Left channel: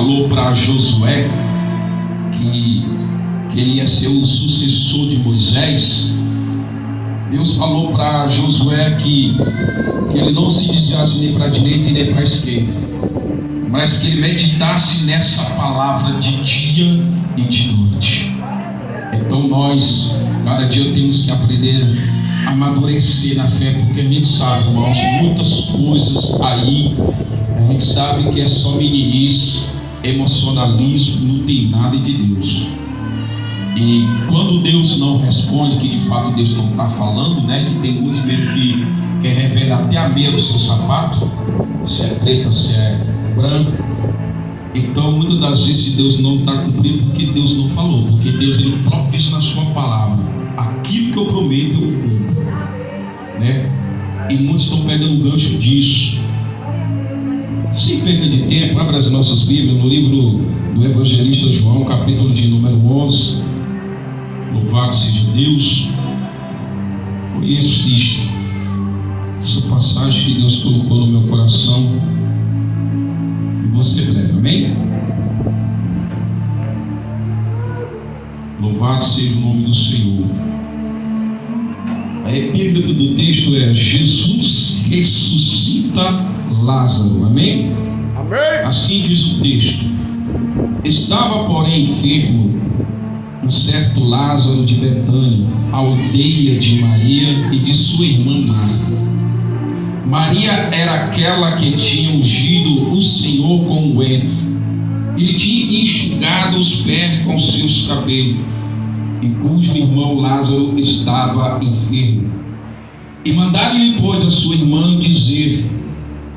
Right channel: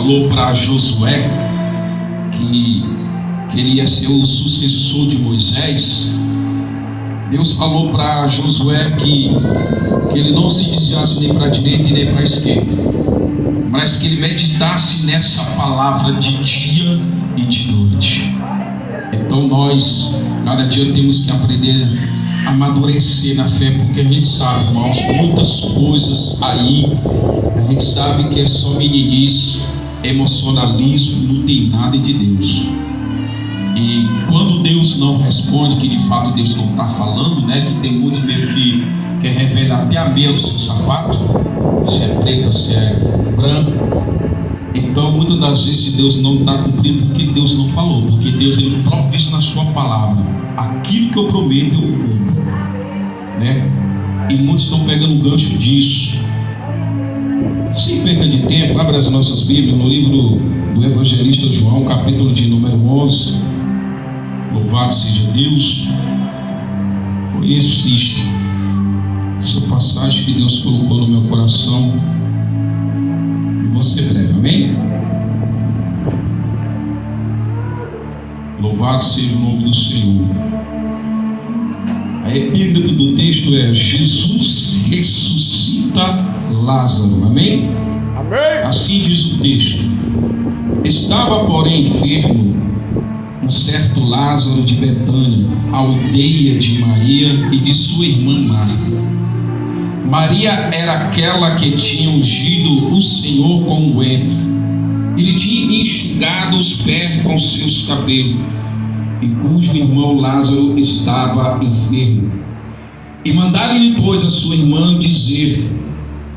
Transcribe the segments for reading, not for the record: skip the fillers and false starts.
falou para Josué que ele ia ser o sucessor de Moisés, Deus falou para Josué que ele não se desviasse nem para a direita e nem para a esquerda, mas que ele meditasse nessa palavra de dia e de noite. Então nós, cada dia, temos que aprender a amadurecer na fé, porque a gente sabe, irmãos, muitas coisas aí, a gente sabe que é só meninice, emocionalismo, não tem nada de Deus. E quando Deus não responde, que de fato Deus não está falando, né? Que tem muitos mesmo que quer revelar até a meia do seu sapato, se é preta, se é branco. Então muitas das vezes, se Deus não está cumprindo, porque Deus não falou, porque Deus, ele próprio diz na sua palavra: aquilo que eu prometo eu cumpro, né? E muitos estão pegando o gancho disso. Sem perda de tempo, abra as nossas Bíblias no livro do evangelista João, capítulo de número 11. Louvado seja Deus. E assista essa passagem que Deus colocou no meu coração. E vou ser breve, amém? Louvado seja o nome do Senhor. A epígrafe do texto é: Jesus ressuscita Lázaro, amém? Amém. Assim diz o texto: estava, porém, enfermo um certo Lázaro de Betânia, aldeia de Maria e de sua irmã Marta. Maria era aquela que tinha ungido o Senhor com unguento, e lhe tinha enxugado os pés com seus cabelos, e cujo irmão Lázaro estava enfermo. E mandaram-lhe, pois, a sua irmã dizer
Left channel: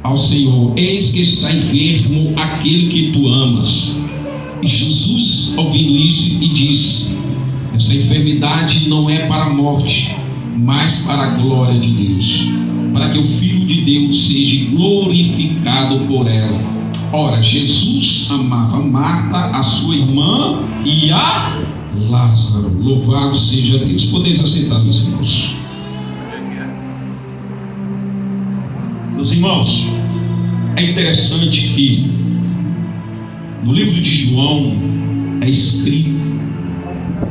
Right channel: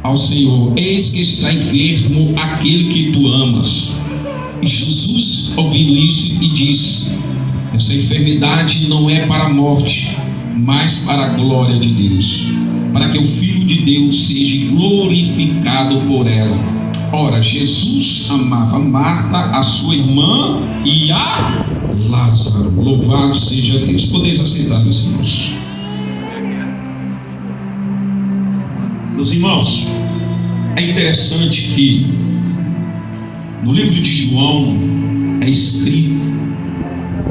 ao Senhor: eis que está enfermo aquele que tu amas. E Jesus, ouvindo isso, e disse: essa enfermidade não é para a morte, mas para a glória de Deus, para que o Filho de Deus seja glorificado por ela. Ora, Jesus amava Marta, a sua irmã, e a Lázaro. Louvado seja Deus. Podeis assentar, meus irmãos. Meus irmãos, é interessante que no livro de João é escrito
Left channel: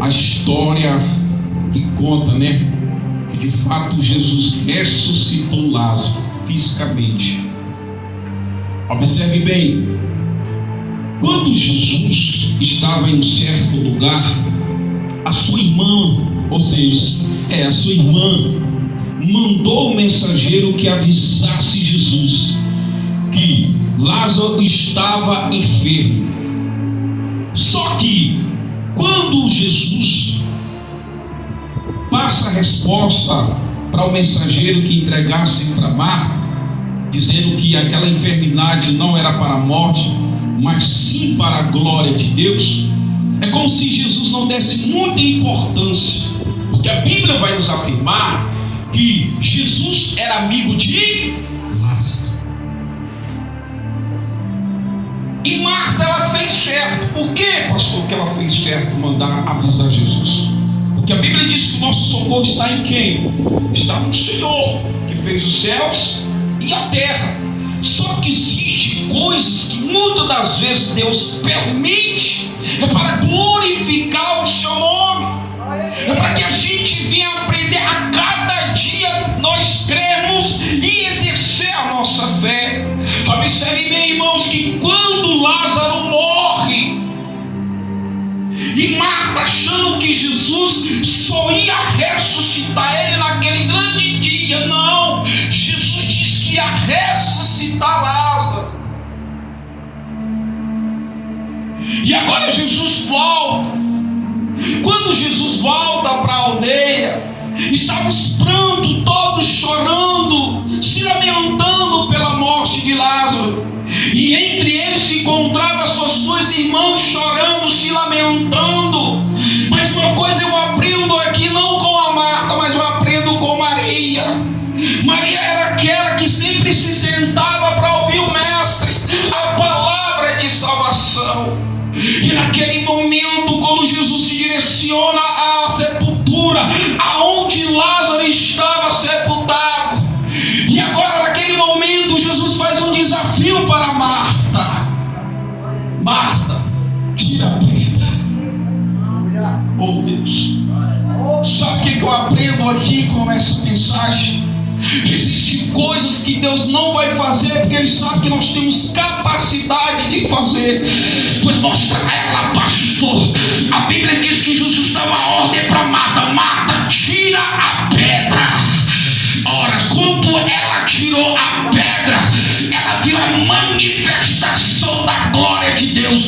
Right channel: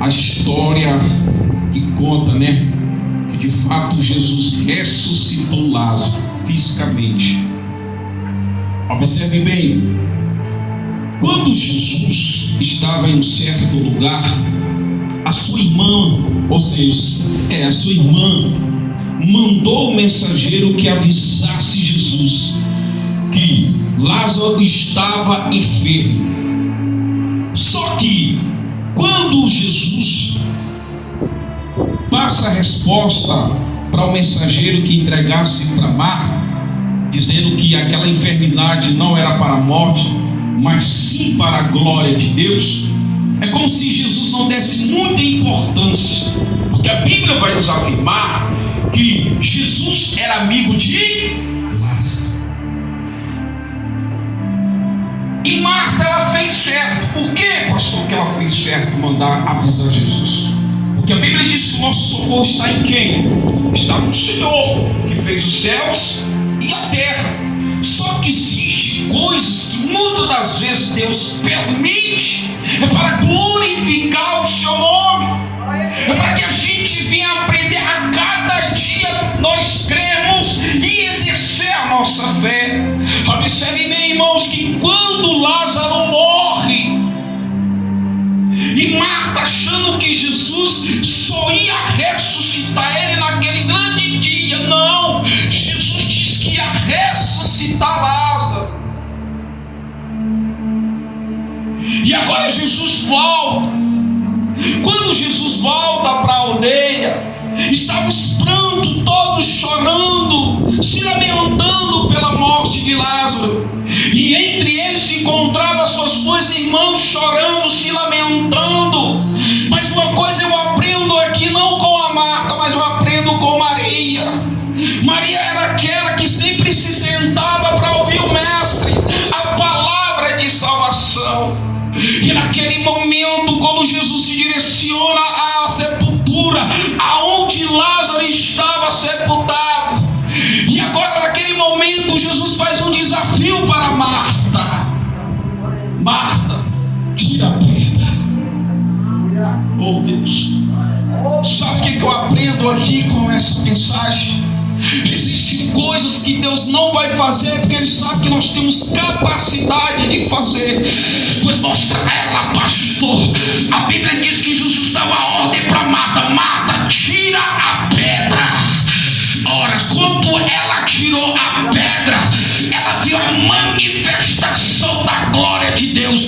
a história que conta, né, que de fato Jesus ressuscitou Lázaro fisicamente. Observe bem, quando Jesus estava em um certo lugar, a sua irmã, ou seja, a sua irmã mandou o mensageiro que avisasse Jesus que Lázaro estava enfermo. Só que quando Jesus passa a resposta para o mensageiro que entregasse para Marta, dizendo que aquela enfermidade não era para a morte, mas sim para a glória de Deus, é como se Jesus não desse muita importância, porque a Bíblia vai nos afirmar que Jesus era amigo de Lázaro. E Marta, ela fez certo. Por que, pastor, que ela fez certo mandar avisar Jesus? Porque a Bíblia diz que o nosso socorro está em quem? Está no Senhor, que fez os céus e a terra. Só que existem coisas que muitas das vezes Deus permite, é para glorificar o seu nome, é para que a gente venha aprender a cada dia nós cremos e exercer a nossa fé. Observe bem, irmãos, que quando Lázaro morre, e Marta achando que Jesus só ia ressuscitar ele naquele grande dia, não, Jesus diz que ia ressuscitar Lázaro. E agora Jesus volta. Quando Jesus volta para a aldeia, estavam os prantos, todos chorando, se lamentando pela morte de Lázaro. E entre eles se encontravam suas duas irmãs chorando, se lamentando. Mas uma coisa eu aprendo aqui, não com a Marta, mas eu aprendo com Maria. Maria era aquela que sempre se sentava para ouvir o Mestre, a palavra de salvação. E naquele momento, quando Jesus se direciona à sepultura, aonde Lázaro estava sepultado, e agora naquele momento Jesus faz um desafio para Marta. Marta, tira a pedra. Oh Deus. Sabe o que eu aprendo aqui com essa mensagem? Existem coisas que Deus não vai fazer porque Ele sabe que nós temos capacidade de fazer. Pois mostra ela, pastor. A Bíblia diz que Jesus dá uma ordem para Marta: Marta, tira a pedra. Ora, quando ela tirou a pedra, ela viu a manifestação da glória de Deus.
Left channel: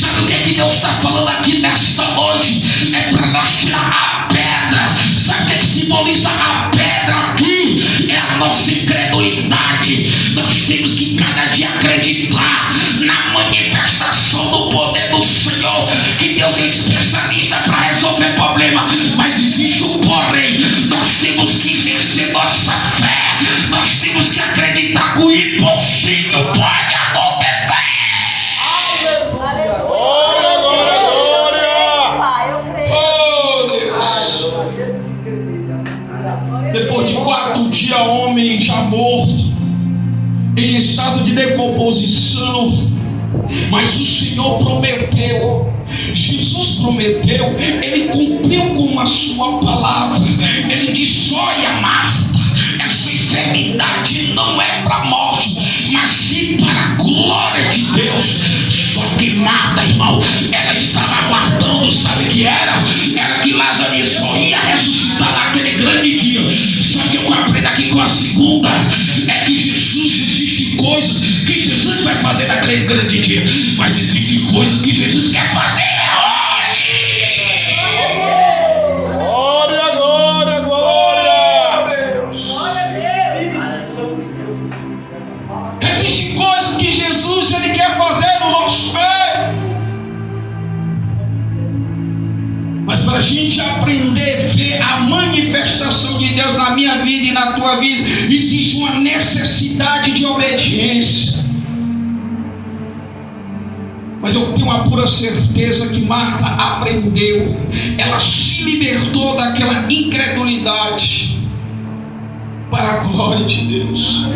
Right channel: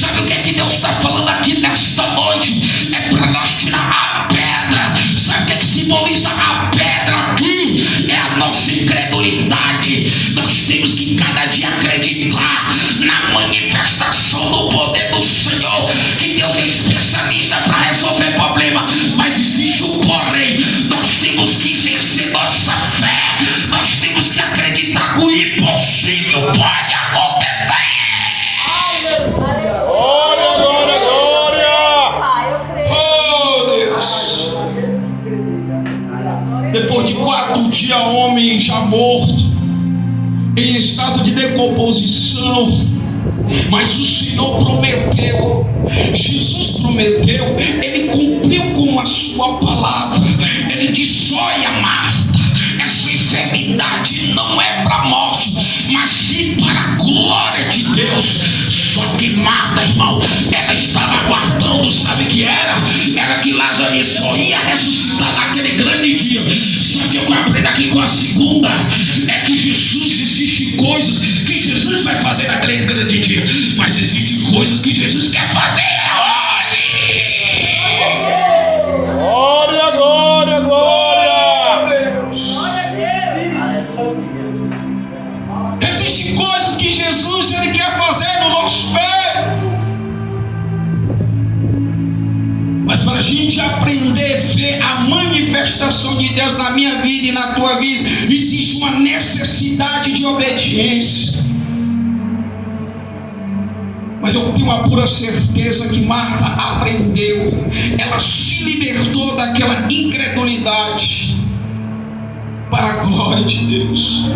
Sabe o que é que Deus está falando aqui nesta noite? É para nós tirar a pedra. Sabe o que é que simboliza a pedra aqui? É a nossa incredulidade. Nós temos que cada dia acreditar na manifestação do poder do Senhor. Que Deus é especialista para resolver problema. Mas existe um porém. Nós temos que exercer nossa fé. Nós temos que acreditar que o impossível pode acontecer. Glória, glória, glória! Oh Deus! Depois de 4 dias, o homem já morto, em estado de decomposição. Mas o Senhor prometeu, Jesus prometeu, Ele cumpriu com a sua palavra. Ele disse: olha, Marta, essa enfermidade não é para a morte, mas sim para a glória de Deus. Só que Marta, irmão, ela estava aguardando, sabe o que era? Era que Lázaro só ia ressuscitar naquele grande dia. Só que eu aprendo aqui com a segunda, é que Jesus, existem coisas que Jesus vai fazer naquele grande dia, mas existem coisas que Jesus quer fazer hoje. Glória, glória, glória! Deus. Existem coisas que Jesus Ele quer fazer no nosso meio. Mas para a gente aprender a ver a manifestação de Deus na minha vida e na tua vida, existe uma necessidade de obediência. Mas eu tenho uma pura certeza que Marta aprendeu. Ela se libertou daquela incredulidade para a glória de Deus.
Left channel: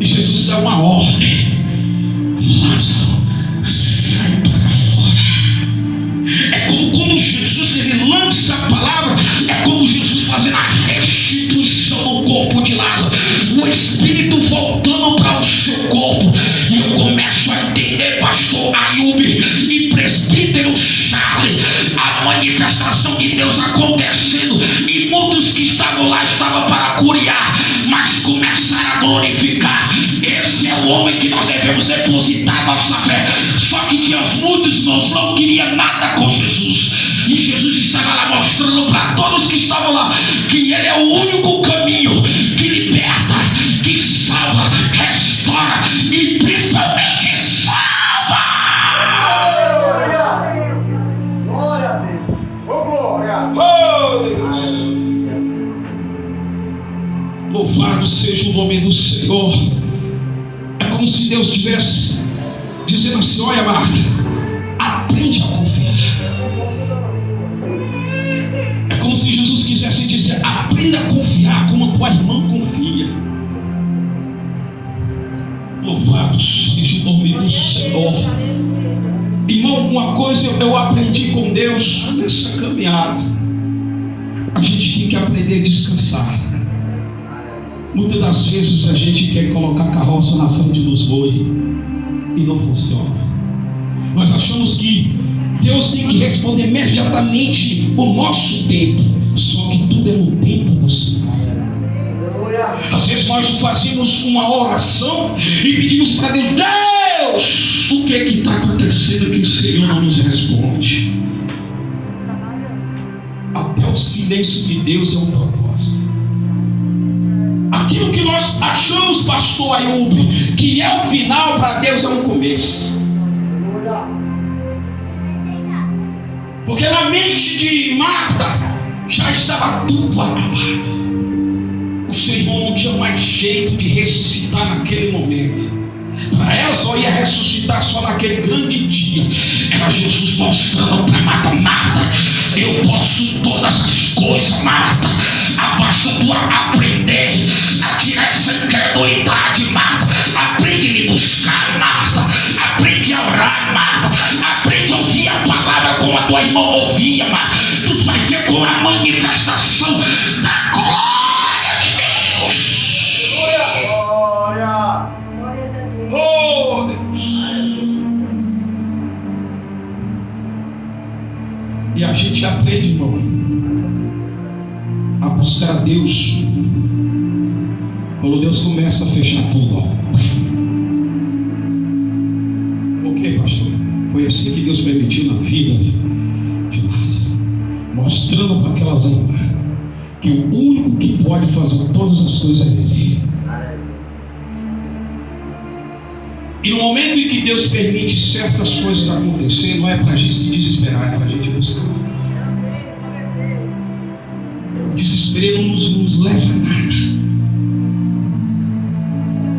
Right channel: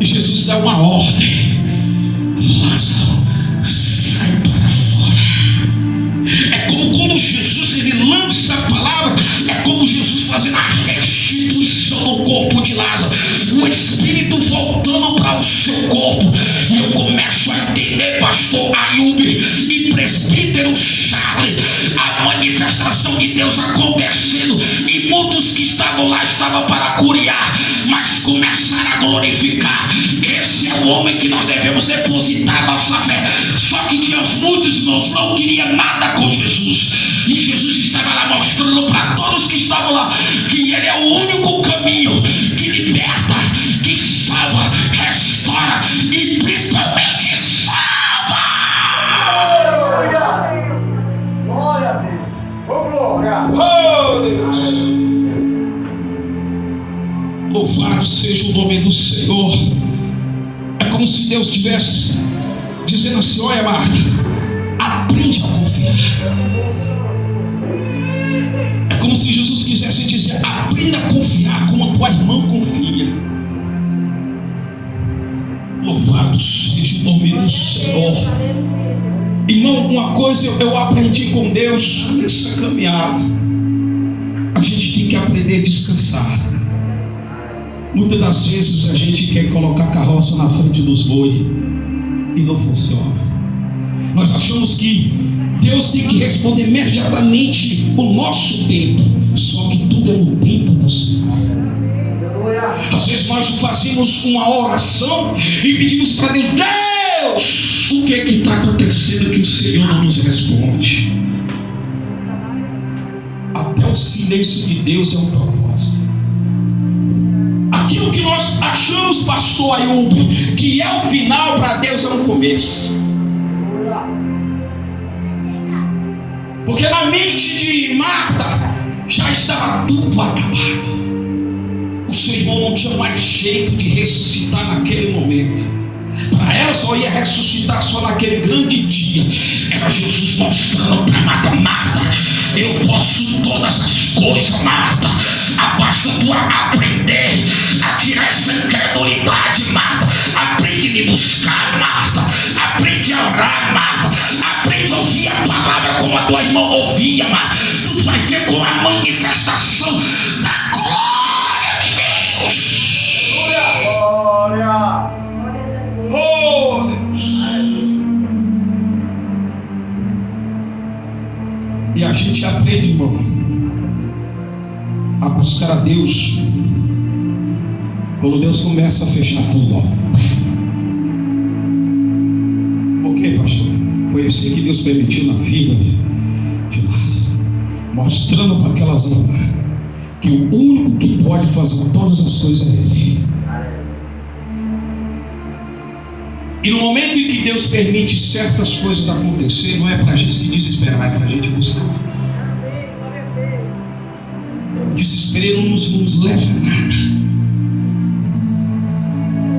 E Jesus dá uma ordem: Lázaro, sai para fora. É como quando Jesus ele lança a palavra, é como Jesus fazendo a restituição do corpo de Lázaro, o espírito voltando para o seu corpo. E eu começo a entender, pastor Ayub e presbítero Charles, a manifestação de Deus acontecendo, e muitos que estavam lá estavam para curiar, mas começaram a glorificar. Esse é o homem que nós devemos depositar nossa fé. Só que tinha muitos irmãos não queriam nada com Jesus, e Jesus estava lá mostrando para todos que estavam lá que Ele é o único caminho que liberta, que salva, restaura e principalmente salva. Glória a Deus! Glória! Oh Deus! Louvado seja o nome do Senhor. É como se Deus estivesse dizendo assim: olha, Marta, aprende a confiar. É como se Jesus quisesse dizer: aprenda a confiar como a tua irmã confia. Louvado seja o nome do Senhor. Irmão, uma coisa eu aprendi com Deus nessa caminhada: a gente tem que aprender a descansar. Muitas das vezes a gente quer colocar a carroça na frente dos bois e não funciona. Nós achamos que Deus tem que responder imediatamente o nosso tempo, só que tudo é no tempo do Senhor. Às vezes nós fazemos uma oração e pedimos para Deus: Deus, o que é que está acontecendo que o Senhor não nos responde? Até o silêncio de Deus é um propósito. Aquilo que nós achamos, pastor Ayub, que é o final, para Deus é um começo. Porque na mente de Marta já estava tudo acabado. O seu irmão não tinha mais jeito de ressuscitar naquele momento. Para ela só ia ressuscitar só naquele grande dia. Era Jesus mostrando para Marta: Marta, eu posso todas as coisas, Marta. Basta tu aprender a tirar essa incredulidade, Marta. Aprende a me buscar, Marta. Aprende Quando Deus começa a fechar tudo, ó. Por quê, pastor? Foi assim que Deus permitiu na vida de Lázaro, mostrando para aquelas almas que o único que pode fazer todas as coisas é Ele. E no momento em que Deus permite certas coisas acontecer, não é para a gente se desesperar, é para a gente buscar. O desespero não nos leva a nada.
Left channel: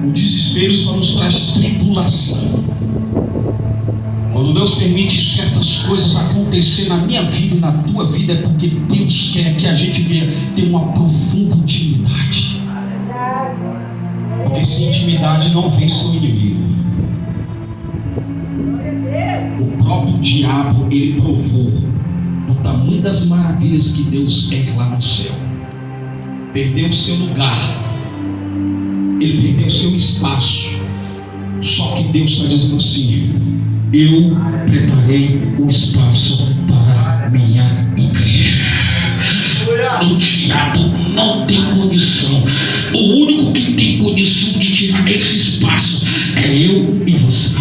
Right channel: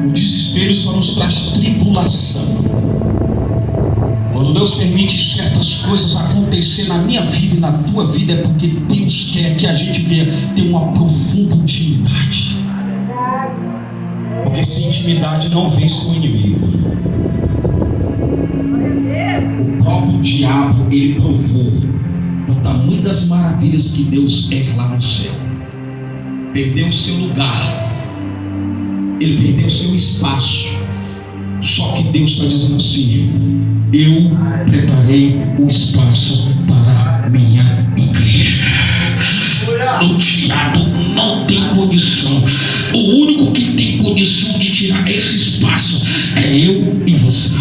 O desespero só nos traz tribulação. Quando Deus permite certas coisas acontecer na minha vida e na tua vida, é porque Deus quer que a gente venha ter uma profunda intimidade. Porque sem intimidade não vence o inimigo. O próprio diabo, ele provou o tamanho das maravilhas que Deus é lá no céu. Perdeu o seu lugar, ele perdeu o seu espaço. Só que Deus está dizendo assim: eu preparei o espaço para a minha igreja. O diabo não tem condição. O único que tem condição de tirar esse espaço é eu e você.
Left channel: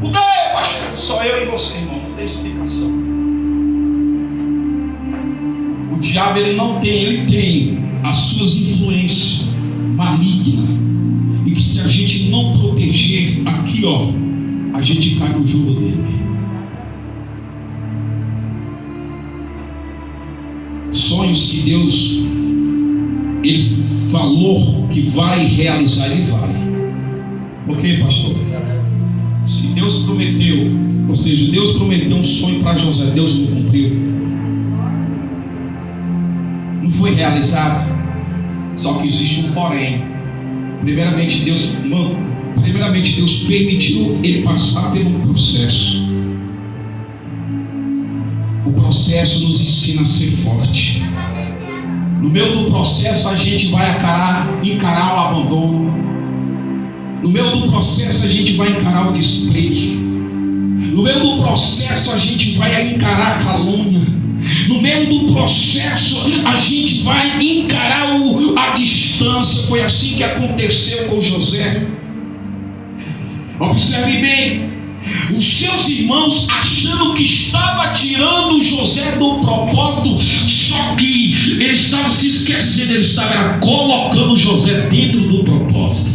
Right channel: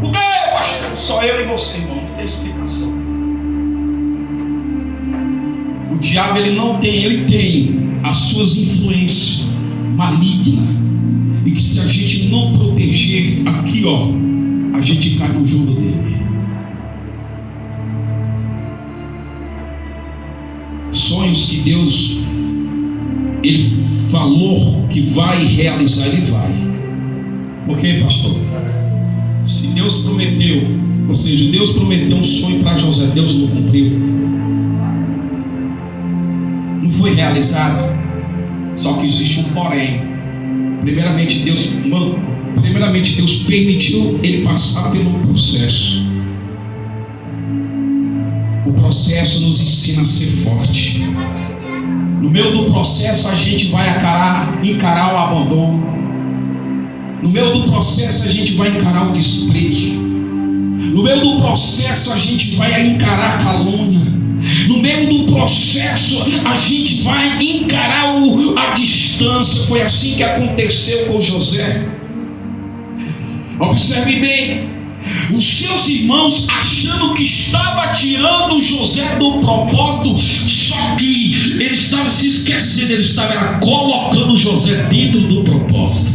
Por quê, pastor? Só eu e você, irmão. Não tem explicação. O diabo, ele tem as suas influências malignas. E que se a gente não proteger aqui, ó, a gente cai no jogo dele. Sonhos que Deus, ele falou que vai realizar, ele vai. Por quê, pastor? Se Deus prometeu, ou seja, Deus prometeu um sonho para José, Deus não cumpriu. Não foi realizado. Só que existe um porém. Primeiramente Deus permitiu ele passar pelo processo. O processo nos ensina a ser forte. No meio do processo a gente vai encarar o abandono. No meio do processo a gente vai encarar o desprezo. No meio do processo a gente vai encarar a calúnia. No meio do processo a gente vai encarar a distância. Foi assim que aconteceu com José. Observe bem, os seus irmãos achando que estava tirando José do propósito, só que ele estava se esquecendo, ele estava colocando José dentro do propósito.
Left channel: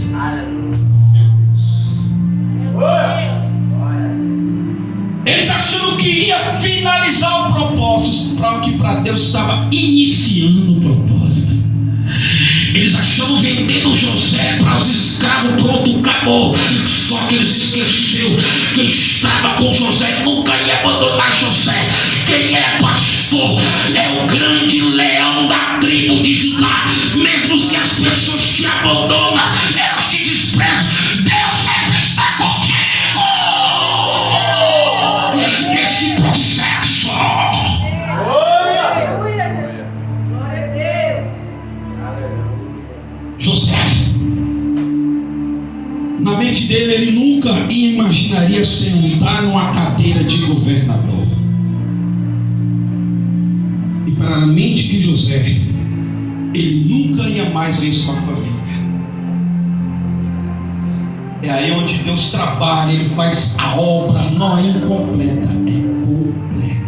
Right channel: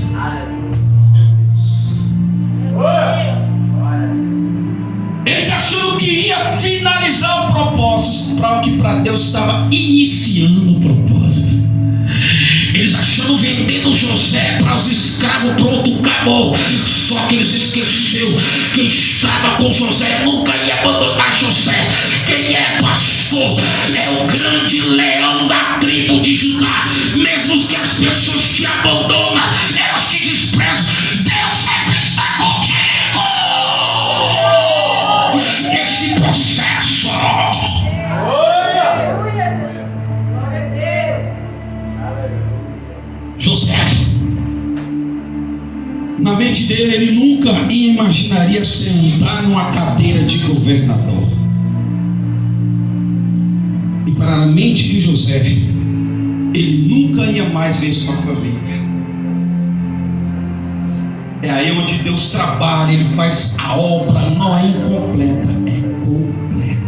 Eles achando que ia finalizar o propósito, para o que para Deus estava iniciando o propósito. Eles achando vendendo José para os escravos, pronto, acabou. Só que eles esqueceram, quem estava com José nunca ia abandonar José. Quem é pastor é o grande leão da tribo de Judá. Mesmo que as pessoas te abandonam, elas te desprezam, Deus sempre está contigo nesse processo. José, na mente dele, ele nunca imaginaria sentar numa cadeira de governador. E para a mente de José, ele nunca ia mais ver sua família. É aí onde Deus trabalha, ele faz a obra, não é incompleta, é completa.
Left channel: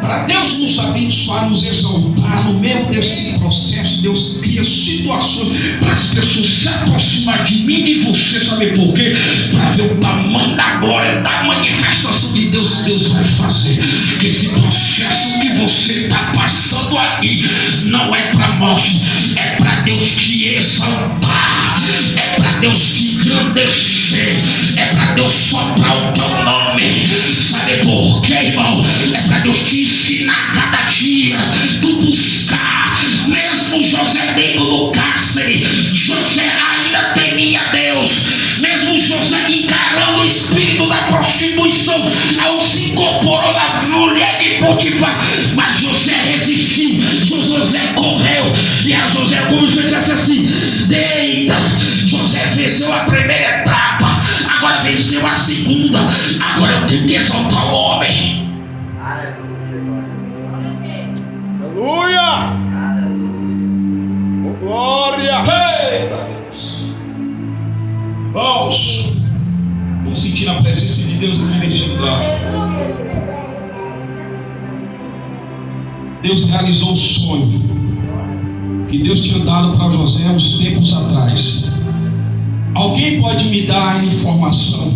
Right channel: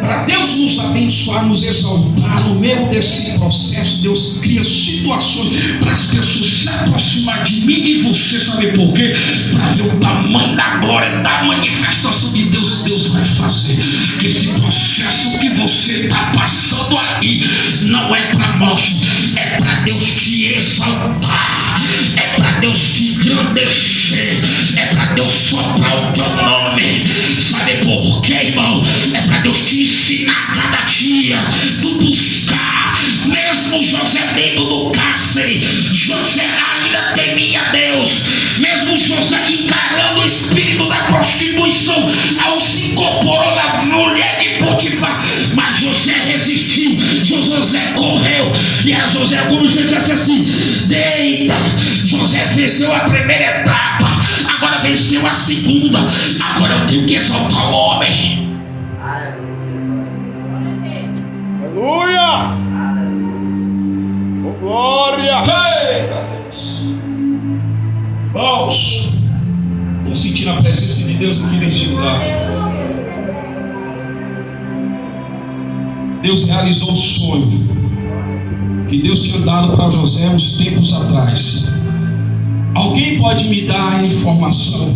Para Deus nos abençoar, nos exaltar, no meio desse processo, Deus cria situações para as pessoas se aproximar de mim e você, sabe por quê? Para ver o tamanho da glória, da manifestação de Deus. Deus vai fazer que esse processo que você está passando aqui não é para morte, é para Deus te exaltar, é para Deus te engrandecer, é para Deus soprar o teu nome. Sabe por quê, irmão? É para Deus te ensinar cada dia, tu buscar. Mesmo José dentro do cárcere, José ainda temia Deus. Mesmo José encarando o espírito da prostituição, ao se incorporou na mulher de Potifar, mas José resistiu, José correu. E a José, como José disse assim, deita. José venceu a primeira etapa, agora venceu a segunda. Agora eu tenho que exaltar o homem. glória. Eita Deus. Irmãos, estou sentindo a presença de Deus aqui neste lugar. Deus realizou o sonho que Deus tinha dado para José uns tempos atrás. Alguém pode me dar a informação?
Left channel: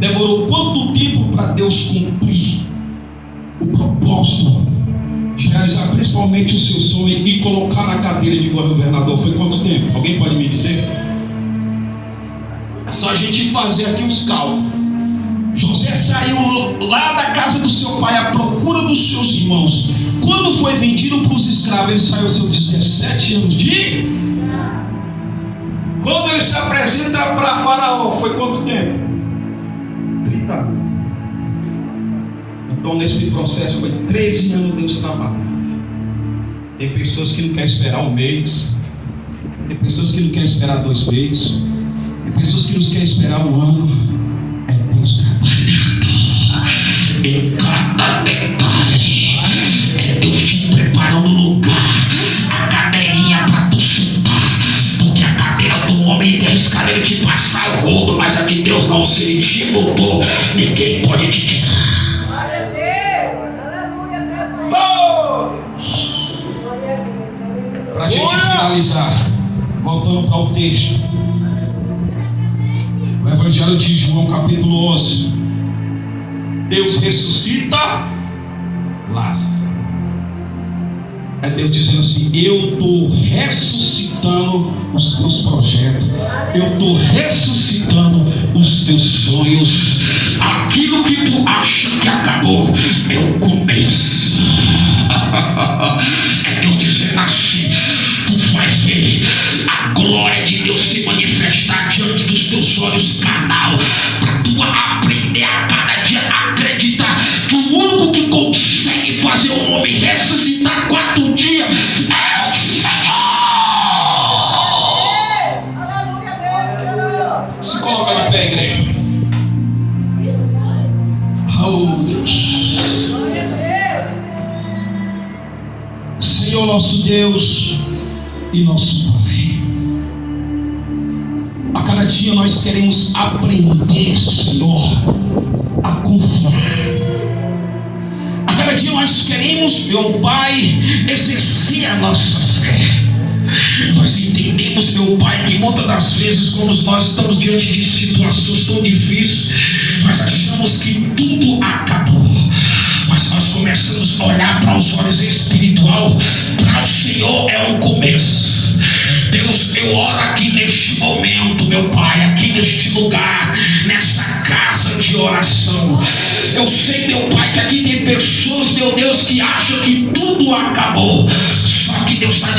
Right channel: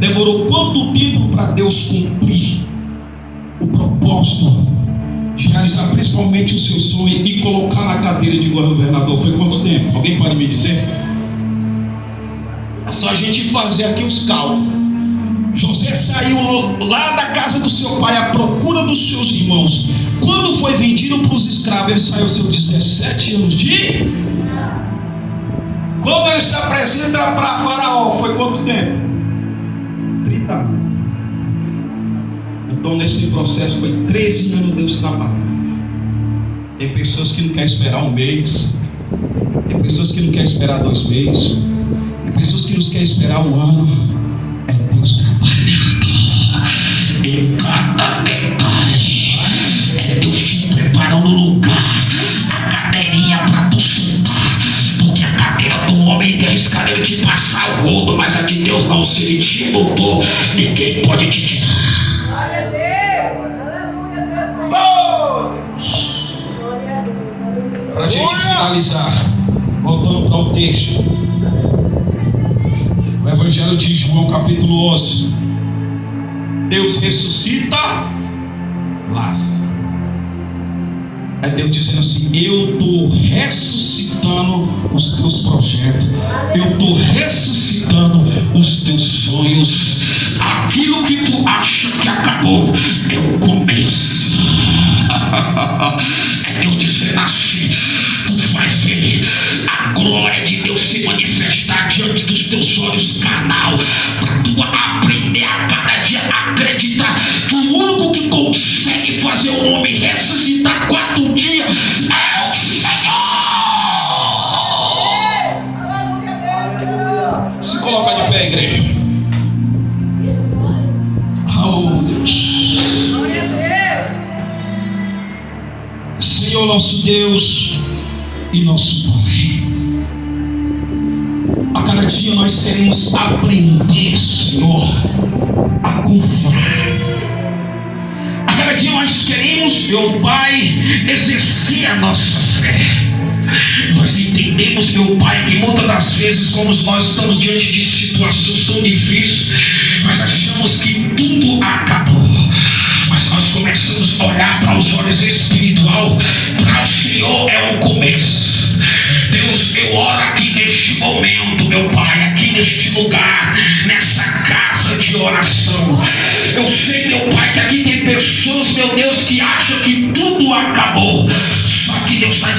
Demorou quanto tempo para Deus cumprir o propósito de realizar principalmente o seu sonho e colocar na cadeira de governador? Foi quanto tempo? Alguém pode me dizer? É só a gente fazer aqui os cálculos. José saiu lá da casa do seu pai à procura dos seus irmãos. Quando foi vendido para os escravos, ele saiu aos seus 17 anos de... Quando ele se apresenta para Faraó, foi quanto tempo? 30 anos. Então nesse processo foi 13 anos Deus trabalhando. Tem pessoas que não querem esperar um mês. Tem pessoas que não querem esperar 2 meses. Tem pessoas que não querem esperar um ano. É Deus trabalhando em cada detalhe. É Deus te preparando o lugar, a cadeirinha para tu sentar. Porque a cadeira do homem tem escada de passar o rodo, mas a de Deus não, se ele te botou, ninguém pode te tirar. Para a gente finalizar, voltando para o texto, o Evangelho de João, capítulo 11. Deus ressuscita Lázaro. É Deus dizendo assim: eu estou ressuscitando os teus projetos, eu estou ressuscitando os teus sonhos. Aquilo que tu acha que acabou é o começo. É Deus dizendo assim: tu vai ver a glória de Deus se manifestar diante dos teus olhos carnal, para tu aprender a cada dia acreditar que o único que consegue fazer o homem ressuscitar 4 dias é o Senhor. Se coloca de pé, igreja. Senhor nosso Deus e nosso Pai, a cada dia nós queremos aprender, Senhor, a confiar. A cada dia nós queremos, meu Pai, exercer a nossa fé. Nós entendemos, meu Pai, que muitas das vezes, quando nós estamos diante de situações tão difíceis, nós achamos que tudo acabou. Mas nós começamos a olhar para os olhos espiritual. Para o Senhor é o começo. Deus, eu oro aqui neste momento, meu Pai, aqui neste lugar, nessa casa de oração. Eu sei, meu Pai, que aqui tem pessoas, meu Deus, que acham que tudo acabou. Só que Deus está